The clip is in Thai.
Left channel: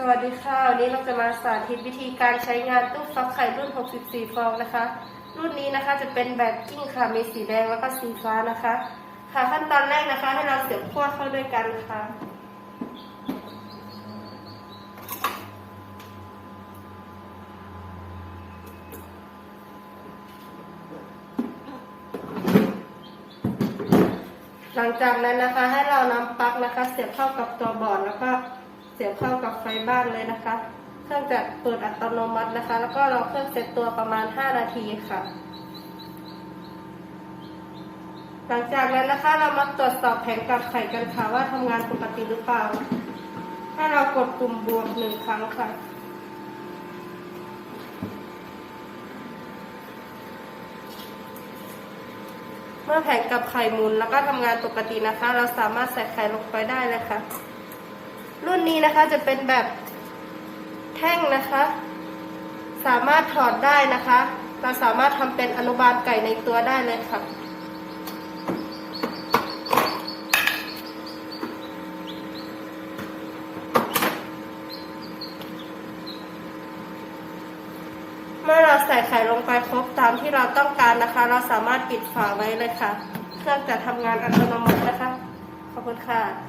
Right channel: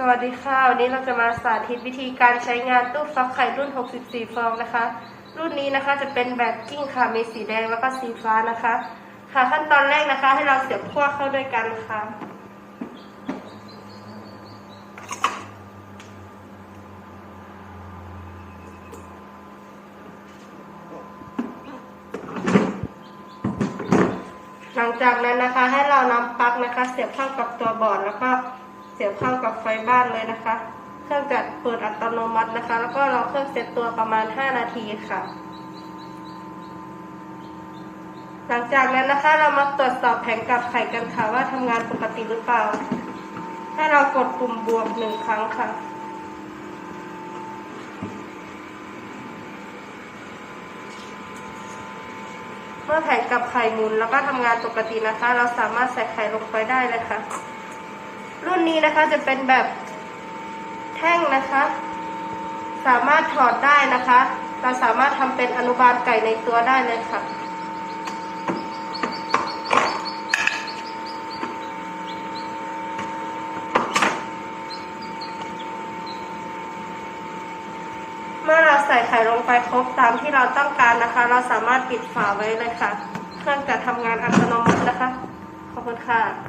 สวัสดีค่ะ วันนี้เราจะมาสาธิตวิธีการใช้งานตู้ฟักไข่รุ่น 64 ฟองนะคะ รุ่นนี้นะคะจะเป็นแบบกิ้งค่ะ มีสีแดงแล้วก็สีฟ้านะคะ ค่ะขั้นตอนแรกนะคะ ให้เราเสียบขั้วเข้าด้วยกันค่ะหลังจากนั้นนะคะให้เรานำปลั๊กนะคะ เสียบเข้ากับตัวบอร์ดแล้วก็ เสียบเข้ากับไฟบ้านเลยนะคะ เครื่องจะเปิดอัตโนมัตินะคะ แล้วก็เรอเครื่องเซตตัวประมาณ 5 นาทีค่ะ หลังจากนั้นนะคะเรามาตรวจสอบแผงกับไข่กันค่ะว่าทำงานปกติหรือเปล่า ให้เรากดปุ่มบวกหนึ่งครั้งค่ะเมื่อแผงกับไข่หมุนแล้วก็ทำงานปกตินะคะ เราสามารถใส่ไข่ลงไปได้เลยค่ะ รุ่นนี้นะคะจะเป็นแบบแท่งนะคะ สามารถถอดได้นะคะ เราสามารถทำเป็นอนุบาลไก่ในตัวได้เลยค่ะเมื่อเราใส่ไข่ลงไปครบตามที่เราต้องการนะคะ เราสามารถปิดฝาไว้เลยค่ะ เครื่องจะทำงานอัตโนมัตินะคะ ขอบคุณค่ะ